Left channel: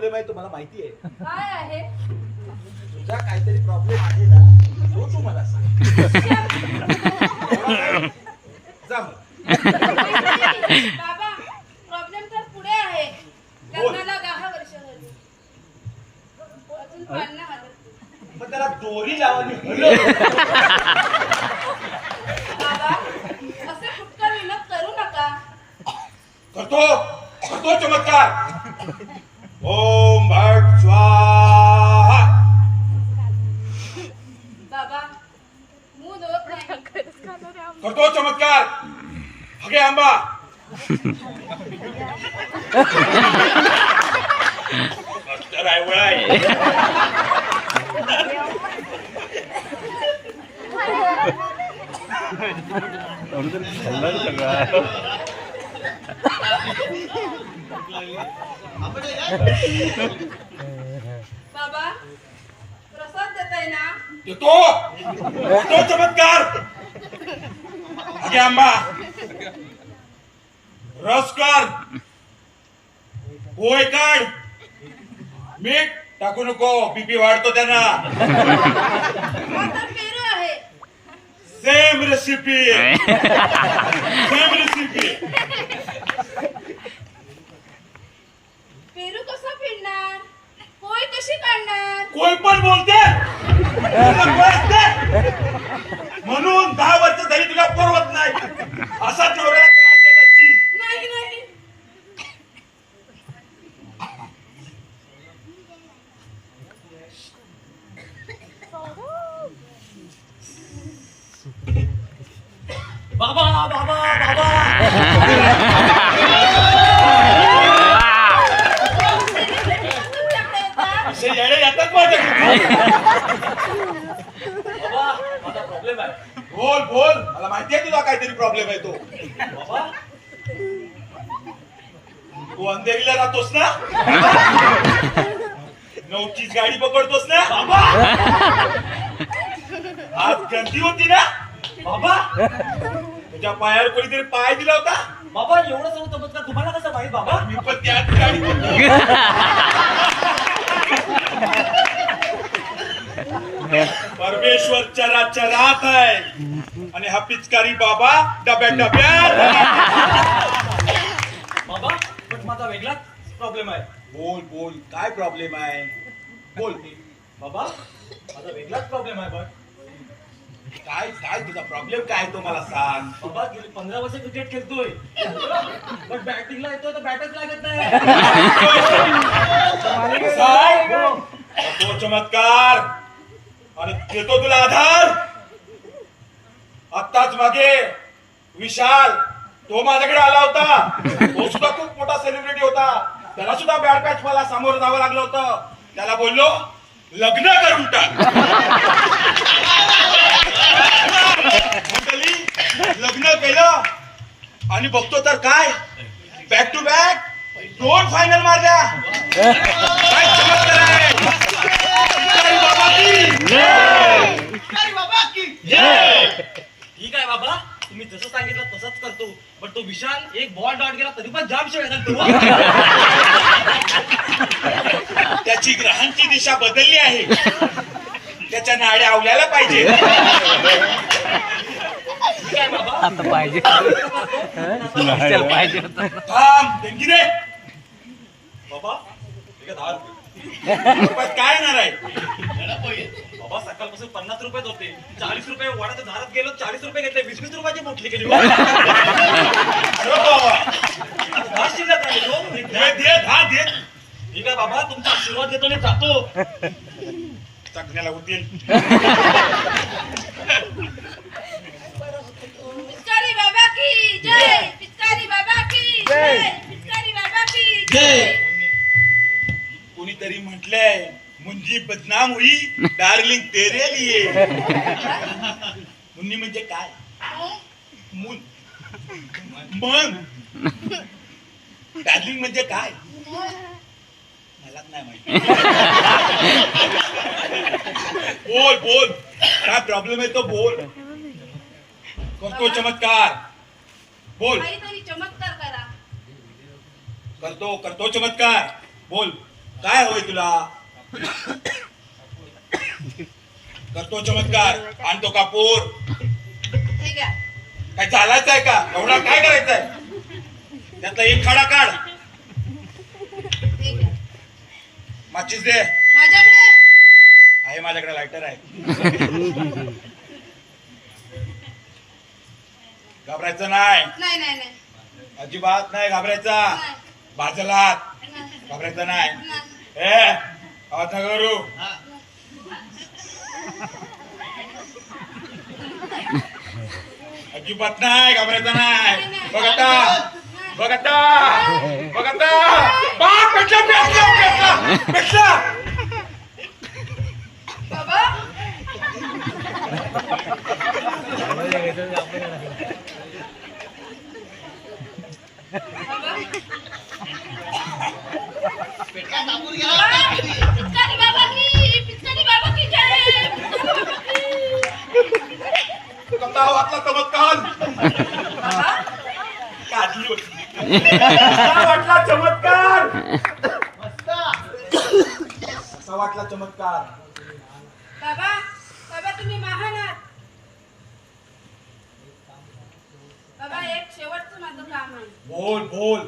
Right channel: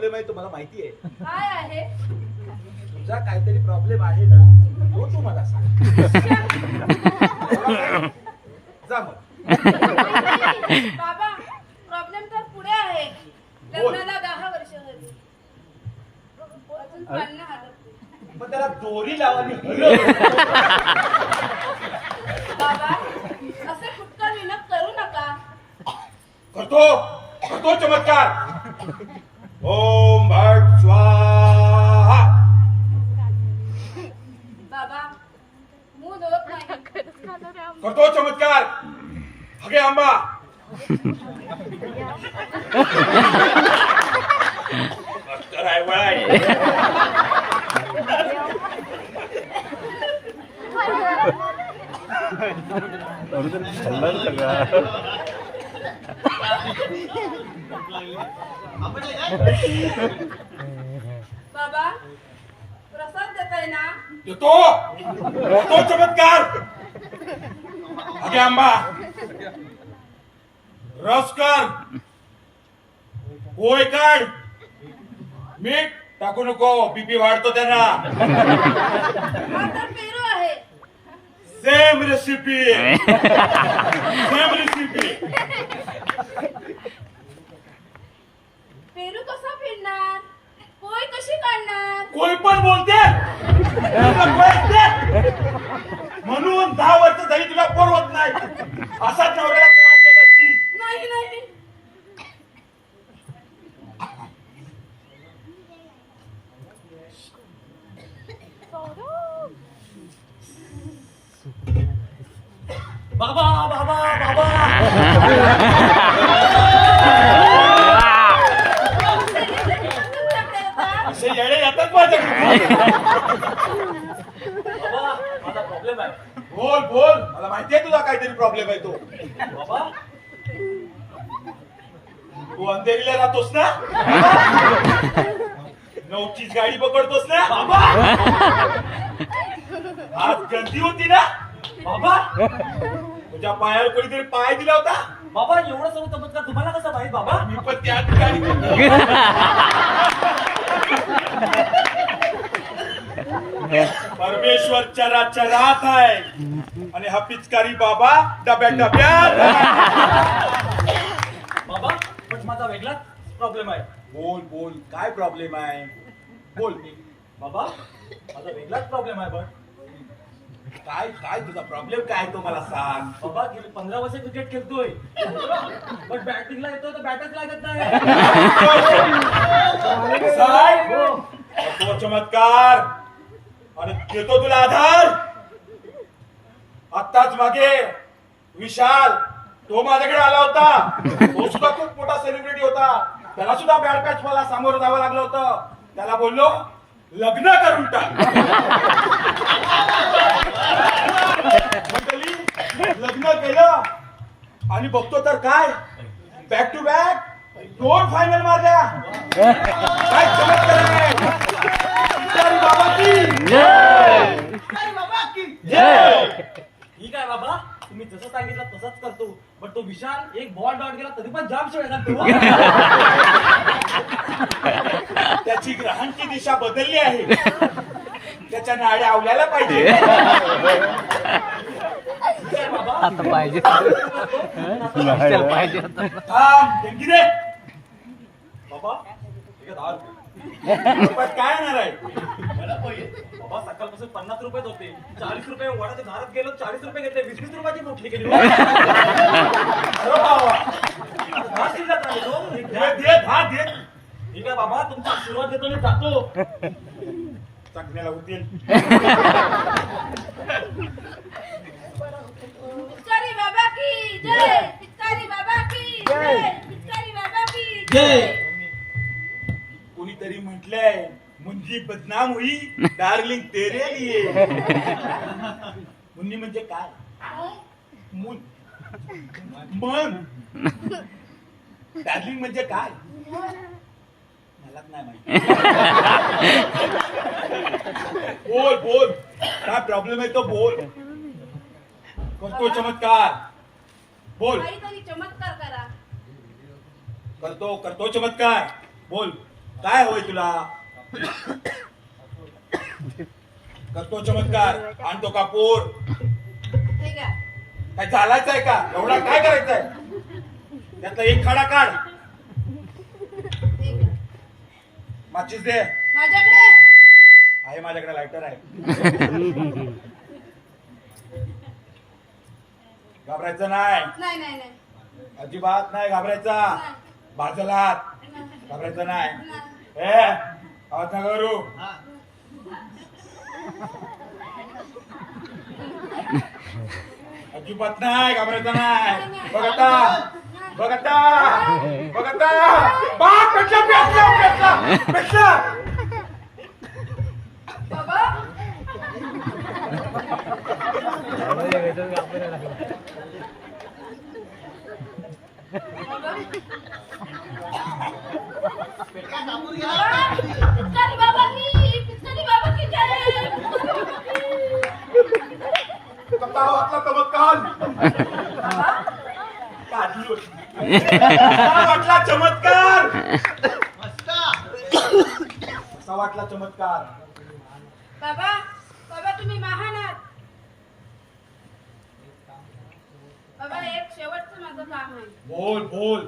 Problem आहे तो मला माहिती आहे. काय आहे? तुझा काहीतरी प्रॉब्लेम आहे ना तो तू मला सांग. एवढा काय? जा मग. बाबा प्रॉब्लेम तर पुढे आहे. लग्नाला दहा वर्ष झाली. अजून पाळणं हालत नाही. मग त्याला दोरी लावानी हलव. बाबा असे फुटका विनोद करू नका. करतो. करतो चमत्कार. ओम भट स्वाहा बाबा मूद होत नाही करतो चमत्कार हगे आंबा मास्तर आहे वय बाबा प्रसाद देताय ना? देतो. देतो चमत्कार. आंबा. रस कर. पोय काढ. मीठ टाकू नको. बीपी वाढतो त्यांना. सेम रेसिपी सेम रेसिपी पेरू कसा पिळणार पोळी कशी काढणार? कोई पण बोलते. तुला कळते? म्हणून दहा वर्ष झाली तुला पोरवत नाही. असाच नवऱ्याला बोल मला माहिती आहे तुला काहीतरी प्रॉब्लेम आहे तो. बाबा. तू अंधेरीला राहतोस ना? नऊचीच गाडी पकडतोस ना? बाबा. आज गर्दी होती ना? बाबा. तुझ्या पायावर कोणीतरी पाय दिला होता? बाबा एवढं सर्व चमत्कार तुम्हाला कसं माहीत बाबा? मी पण त्याच गाडी परमेश्वर चरा चरात आहे. आणि हा पिचकारी बाबा डब्या डब्यात बाबा पण माझा वेगळाच प्रॉब्लेम आहे. बोल बोल. काय प्रॉब्लेम आहे? बोल. बाबा माझा वेगळाच प्रॉब्लेम आहे पण काय काय तुझा प्रॉब्लेम काय तो मला सांग. बाबा गेली पंधरा वर्ष क्रिकेट खेळतोय. पण बॅटिंगला येतोय तर बॅटच लागत नाही. हो. तो चमत्कार. आणि देतो तुला आधार. आत्ताच मागे विशाल तो माझ्याकडे आला होता. तो सुद्धा खूप मोठा सेलिब्रिटी होता. त्याला सुद्धा बॅड पॅच मला सामोरं जावं लागलं होतं. त्याला बोललो लग्न करून टाक. मंडळी लग्न केलं आणि बघतो तर काय? बॅक टू बॅक दोन फायनल माझ्या काय चमत्कार आहे. भिकारी बाबा की ठीक आहे बाबा. तुम्ही जसं सांगितलं तसंच करतो. पण तो विशाल एक बॉल डॉट गेला तरी पण जाम शिवाय त्याची ग्रहांची दिशा बदलली आहे. त्याच्या नाड्या आवल्याला पाहिजे. ठीक आहे बाबा. आता पाहिजे. चल पाहिजे होतं. थांब देणगी दे. बाबा ठीक आहे दहा रुपये. काय येणार आहे? बाबा सकाळपासून पन्नास रुपयेच होते. चाळीस रुपये वाढत दारात गेलो चाळीस रुपये घेतले. वीस वीस रुपयाची मोठली केली. दहा शिल्लक राहिले हो. दहा दे ठीक आहे बाबा. तुमचा आशीर्वाद देतो आणि जातो. चकण्याला होतील बदनाम हुई डार्लिंग तेरे लिए. मुन्नी म्हणजे काय? मुन. मन. डार्लिंग म्हणजे काय? मलाच नाही माहिती. बोल बोल. काय प्रॉब्लेम आहे तो बोल. करतो चमत्कार. बोल. चमत्कार करा. करतो करतो चमत्कार. बोल. काय हवंय तुला? करतो चमत्कार आणतो कापूर. हे घ्या काय चालायचं आहे का? एवढा काय करायचंय? त्यातला एक खडा काढ. हे घ्या माचीस दे. माझ्याकडे? आहे माझ्याकडे लायटर आहे. घाबरायचं नाही. नाही नाही नाही. अजिबात नाही घाबरायचा. नाही. घाबरायचं नाही. ए आवाज नका करू. अजिबात नाही घाबरायचं नाही. बघता बघता बघता आता. पेटला पेटला पेटला. पेटला. बाबा. काढली होती कसा वाटला चमत्कार. कसा वाटला चमत्कार. बाबा बाबा तुम्ही महान आहात. बाबा एक शेवटचं माझं काम आहे. बोल बोल.